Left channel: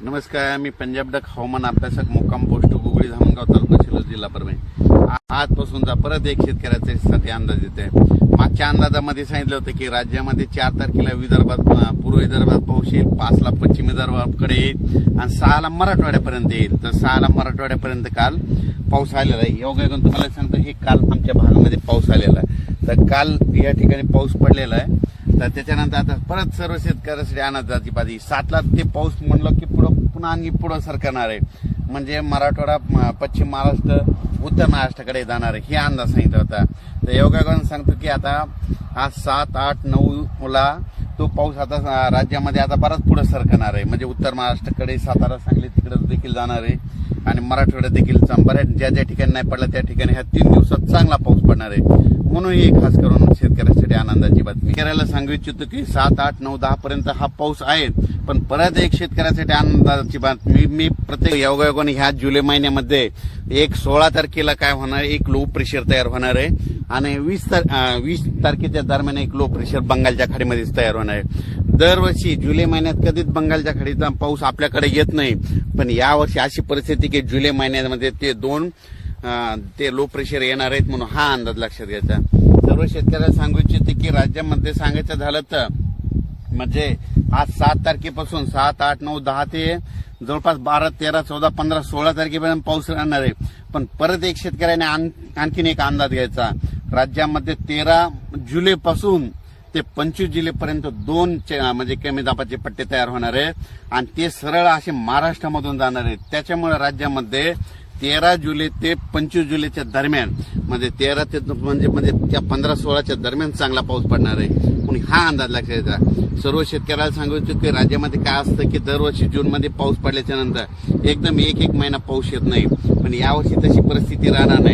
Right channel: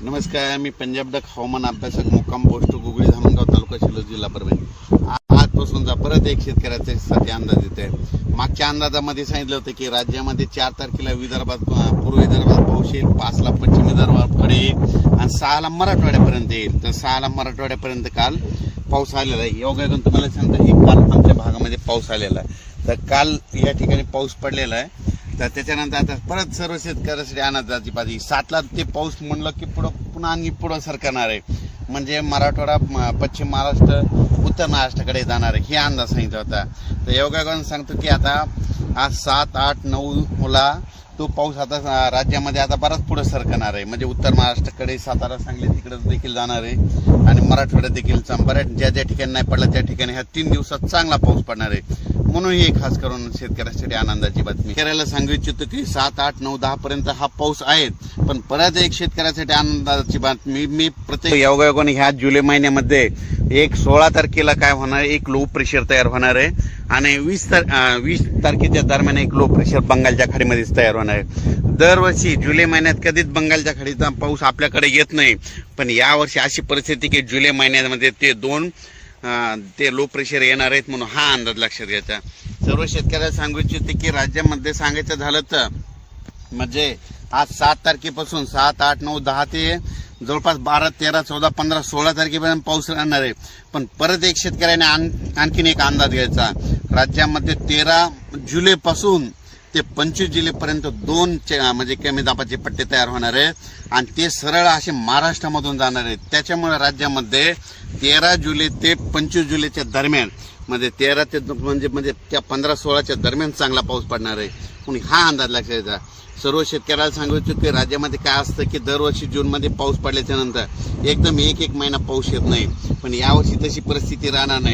नमस्कार, मी पंजाब डक हवामान अभ्यासक मुक्काम पोस्ट गुगळी धामणगाव तालुका शिल्लोड जिल्हा परभणी. आजपासूनचा परत एक शेतकऱ्यासाठी अंदाज येत आहे. मागच्या अंदाजामध्ये सांगितलं होतं की राज्यामध्ये 4 तारखेला विदर्भात पूर्व विदर्भात पाऊस येईल, 5 ला पश्चिम विदर्भाकडे येईल आणि 6 ला मराठवाड्यापर्यंत येईल. तर 6 ला मराठवाड्यापर्यंत काल पाऊस आलेला आहे. योगायोगाने तुम्हाला सांगतो की काल आमच्या भागामध्ये पाऊस आलेला आहे. तर काल या ठिकाणी पाऊस पडलेला आहे. तर त्याच्यानंतर आता परत सर्व शेतकऱ्यासाठी अंदाजाची पाहिजे 7 ला ते पाऊस म्हणलं की पुन्हा आणि पुढं सरकणार आहे. म्हणजे मराठवाडा, पश्चिम महाराष्ट्र, उत्तर महाराष्ट्राकडे जाणार आहे, हे अंदाज सांगितला होता. तर योगायोगाने सांगतो की आता आज 7, 8, 9 ला तो पाऊस आता राज्यामध्ये आता बराच पुढे सरकणार आहे. म्हणजे उत्तर महाराष्ट्राकडे, सातारा, सांगली तिकडे देखील जाणार आहे आणि मराठवाड्यात देखील बऱ्याच ज्या ठिकाणी नाही पडला त्या ठिकाणी ह्या 3 दिवसात चांगला पाऊस पडणार आहे. म्हणून ही खास करून शेतकऱ्यासाठी आनंदाची बातमी. शेतकऱ्याला सांगू इच्छितो की 7, 8, 9, 10 पर्यंत हा पाऊस आहे. पण परत एक शेतकऱ्यासाठी आनंदाची बातमी, मी प्रत्येक योगायोगाने ह्या जुलै महिन्यामध्ये 16 तारखेला काय होणार, एक लो प्रेशर तयार होणार आहे आणि 20 तारखेच्या दरम्यान एक लो प्रेशर बंगालच्या खाडीमध्येच तयार होणार आहे. दरवर्षी जुलै महिन्यात कधीच बंगालच्या खाडीचा पाऊस आपल्याकडे येत नाही, पण यावर्षी अशी परिस्थिती की जुलै महिन्यामध्ये ते लो प्रेशर येणार आहेत. म्हणून हा अंदाज लक्षात घ्यायचा. सर्व शेतकऱ्याला सांगू इच्छिते की राज्यामध्ये सांगायचं झालं तर म्हणजे आज 7 तारखेपासून 7, 8, 9, 10 ते जवळपास 12, 13, 14, 15, 16 तारखेपर्यंत पाऊस राहणार आहे. पण परत एक शेतकऱ्याने आणखीन एक अंदाज घ्यायचा. राज्यामध्ये 13 जुलैपासून ते 25 जुलैपर्यंत 2 म्हणजे कमी दाबाचे पट्टे तयार होणार आहेत आणि ते सरळ असे महाराष्ट्रामधून जाणार आहेत. त्याच्यामुळे राज्यामध्ये 13 जुलै ते 25 जुलैच्या दरम्यान म्हणजे 13 ते म्हणजे त्या 15-16च्या दरम्यान चांगला पाऊस पडणार आहे. म्हणून हा अंदाज लक्षात घ्यायचा. सर्व शेतकऱ्याला सांगू इच्छितो की राज्यामध्ये काय असतं की दरवर्षी जूनमध्ये पाऊस पडल्याच्या नंतर एकदम एक महिना पाऊस येत नाही, पण यावर्षी तशी परिस्थिती राहणार नाही.